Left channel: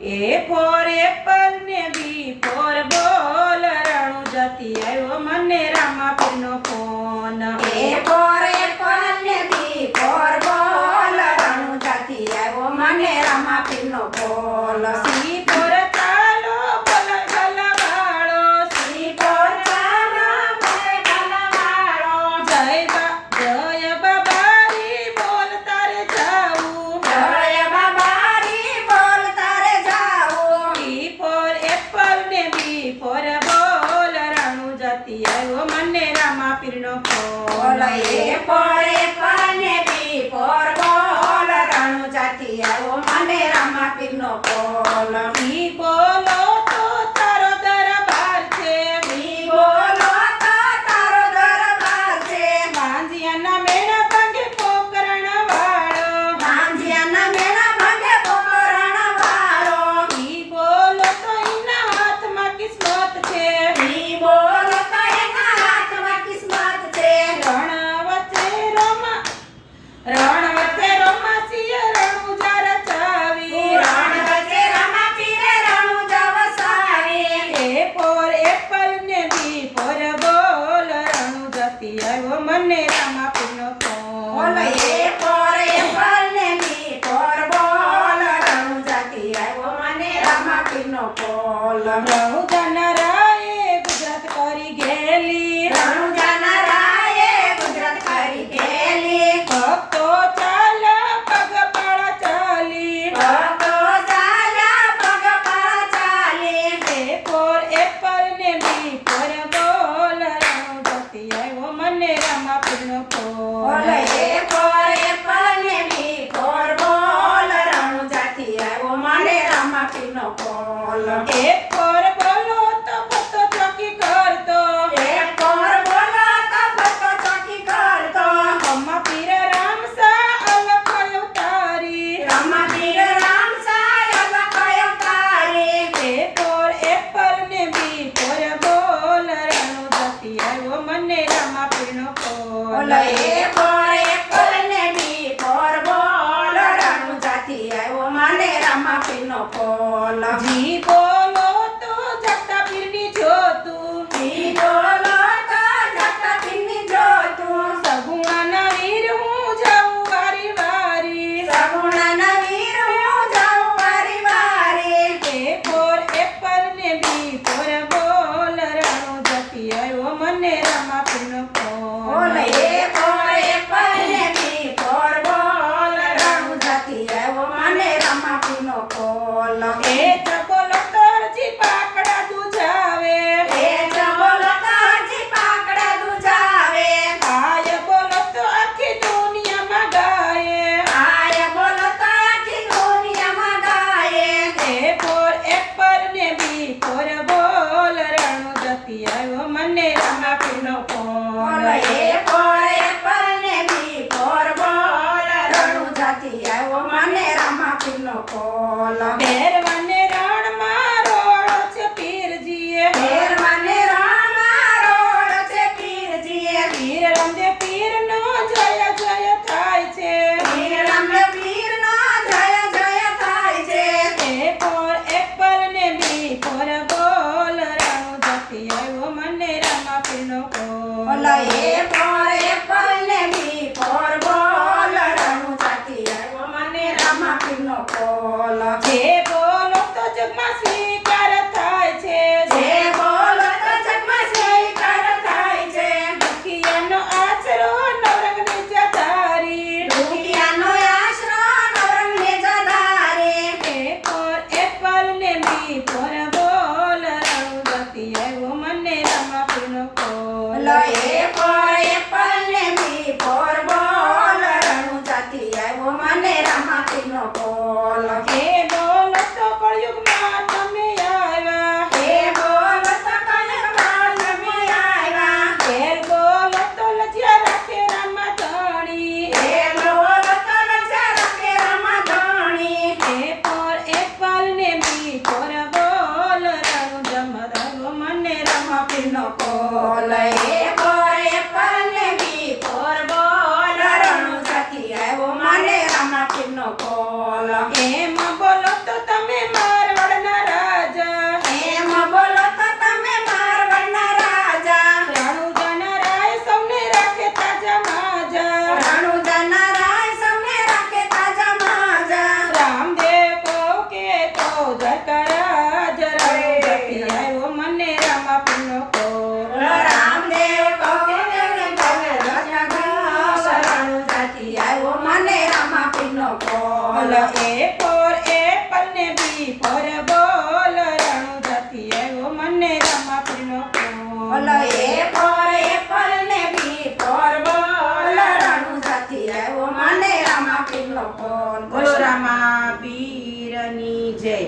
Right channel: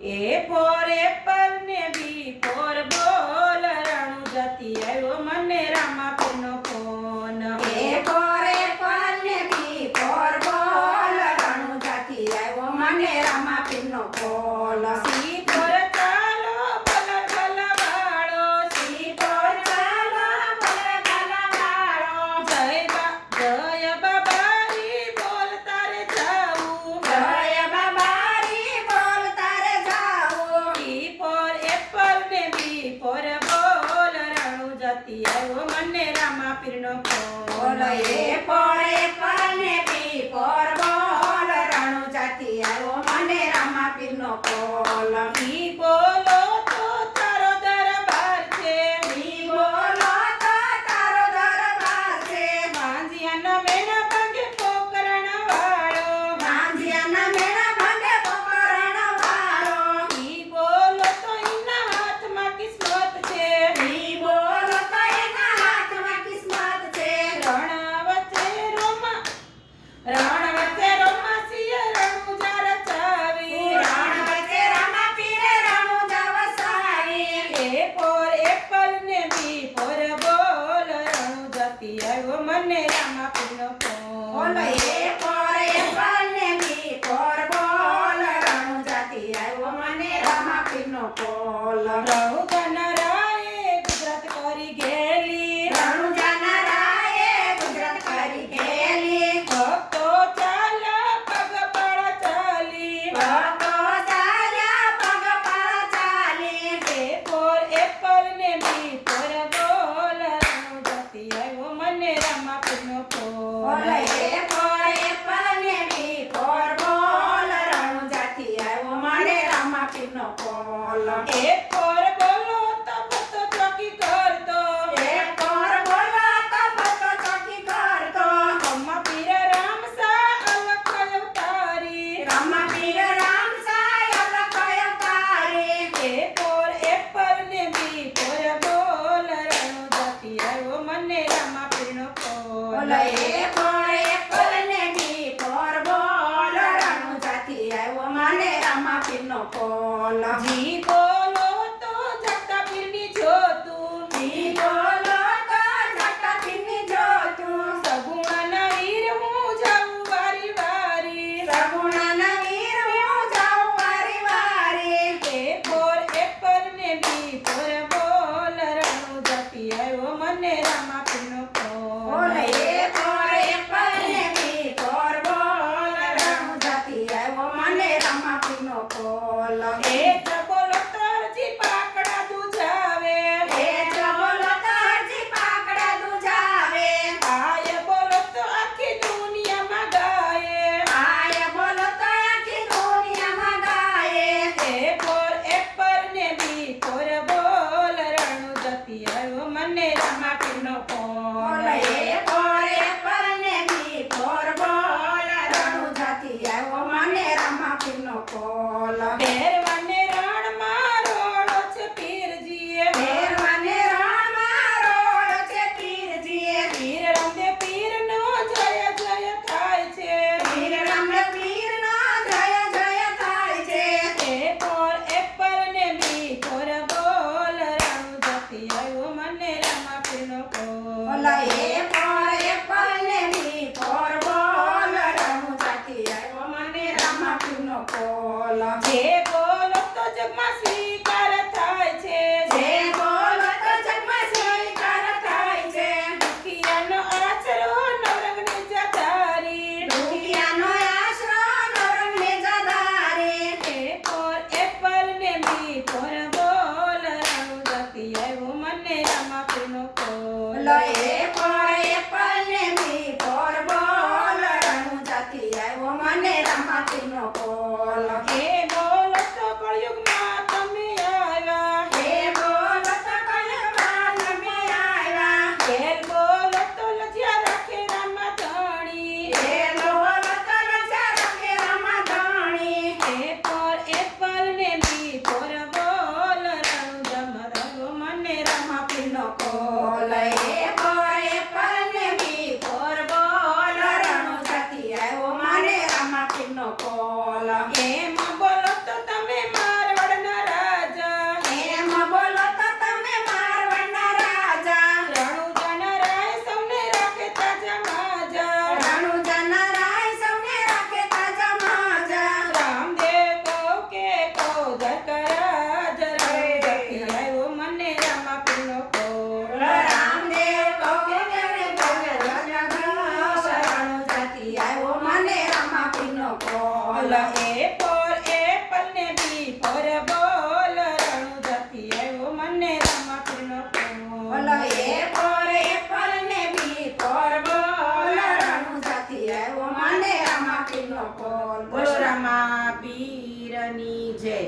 A for apple ને B for ball રણુ જતી આવ્યો મને રામાપીરનો ફોન. A for apple ને B for ball રણુ જતી આવ્યો મને રામાપીરનો ફોન. C for ચાલો બોલ ગલવાળો. C for ચાલો બોલ ગલવાળો. જય બાબારી બોલ તારે જાવું. જય બાબારી બોલ તારે જાવું. E for apple ને B for ball રણુ જતી આવ્યો મને રામાપીરનો ફોન. A for apple ને B for ball રણુ જતી આવ્યો મને રામાપીરનો ફોન. ઈ બોલો તો તારો દરબાર છે. ઈ બોલો તો તારો દરબાર છે. માંજિયાના મેળા ભાંગે પોકરણ વાળો. માંજિયાના મેળા ભાંગે પોકરણ વાળો. ઈ બોલો તો એના હાથમાં કિસ્મત છે. ઈ બોલો તો એના હાથમાં કિસ્મત છે. રણ વચ્ચે રોમાસીએ રણુજા રચાવી. રણ વચ્ચે રામાપીરે રણુજા વસાવી. A for apple ને B for ball રણુ જતી આવ્યો મને રામાપીરનો ફોન. બોલો A for apple ને B for ball રણુ જતી આવ્યો મને રામાપીરનો ફોન. રણુજાના રાયે ગુજરાત કરી ગેલી. રણુજાના રાયે ગુજરાત કરી ગયેલી. ભક્તો ચાલા પગપાળા ચાલી. ભક્તો ચાલ્યા પગપાળા ચાલી. A for apple ને B for ball રણુ જતી આવ્યો મને રામાપીરનો બોલો ફોન. A for apple ને B for ball રણુ જતી આવ્યો મને રામાપીરનો ફોન. A for બોલો તો ભક્તો ચોકી કરતો. A for બોલો તો ભક્તો ચોકી કરતો. રામાપીર રામસા અલખ અવતારી. રામાપીર રામ સાય અલખ અવતારી. A for apple ને B for ball રણુ જતી આવ્યો મને રામાપીરનો બોલો ફોન. A for apple ને B for ball રણુ જતી આવ્યો મને રામાપીરનો ફોન. જી બોલો તો જગતા પીરની જોતું. ઈ બોલો તો જગતા પીરની જોતું. સગુણાના વીર હું જાઉં વારી વારી. સગુણાના વીર હું જાઉં વારી વારી. A for apple ને B for ball રણુ જતી આવ્યો મને રામાપીરનો બોલો ફોન. A for apple ને B for ball રણુ જતી આવ્યો મને રામાપીરનો ફોન. એ જબોલો કરજી પાકડા દુજાવે. એ જબોલો તો હજી પાકડા દુજાવે. આય બોલો તો આખી દુનિયામાં ગાય. આય બોલો તો આખી દુનિયામાં ગાય. A for apple ને B for ball રણુ જતી આવ્યો મને રામાપીરનો બોલો ફોન. A for apple ને B for ball રણુ જતી આવ્યો મને રામાપીરનો ફોન. પહેરવાને રણમાં રોળો છે પીરજીએ. પહેરવાને રણમાં રોળ છે પીરજીએ. પીર રામદેવ પીરનો જય જય થાય છે. પીર રામદેવ પીરનો જય જય થાય છે. A for apple ને B for ball રણુ જતી આવ્યો મને રામાપીરનો બોલો ફોન. A for apple ને B for ball રણુ જતી આવ્યો મને રામાપીરનો ફોન. જે બોલો તો જગમાં સ્વીકાર થાય છે. જે બોલો તો જગમાં સ્વીકાર થાય છે. દુખિયાનો આશરો નવરંગને જતારી. દુખિયાનો આશરો નવરંગને જધારે. A for apple ને B for ball રણુ જતી આવ્યો મને રામાપીરનો ફોન. બોલો A for apple ને B for ball રણુ જતી આવ્યો મને રામાપીરનો ફોન. એ બોલો તો કળિયુગમાં તમે આવ્યા. એ બોલો તો કળિયુગમાં તમે આવ્યા. ઘેર બોલો તો લજ્યા રાખે રામા ધણી. એ બોલો તો લજ્યા રાખે રામાધણી. A for apple ને B for ball રણુ જમાડ્યો મને રામાપીરનો ફોન. બોલો A for apple ને B for ball રણુ જતી આવ્યો મને રામાપીરનો ફોન. એમાં બોલો તો તમે મારવા મને રામાપીરનો ફોન બોલો એ ફોર એપલ ને બી ફોર બોલ રણુજાથી આવ્યો મને રામાપીરનો ફોન. બોલો રામાપીરની જય.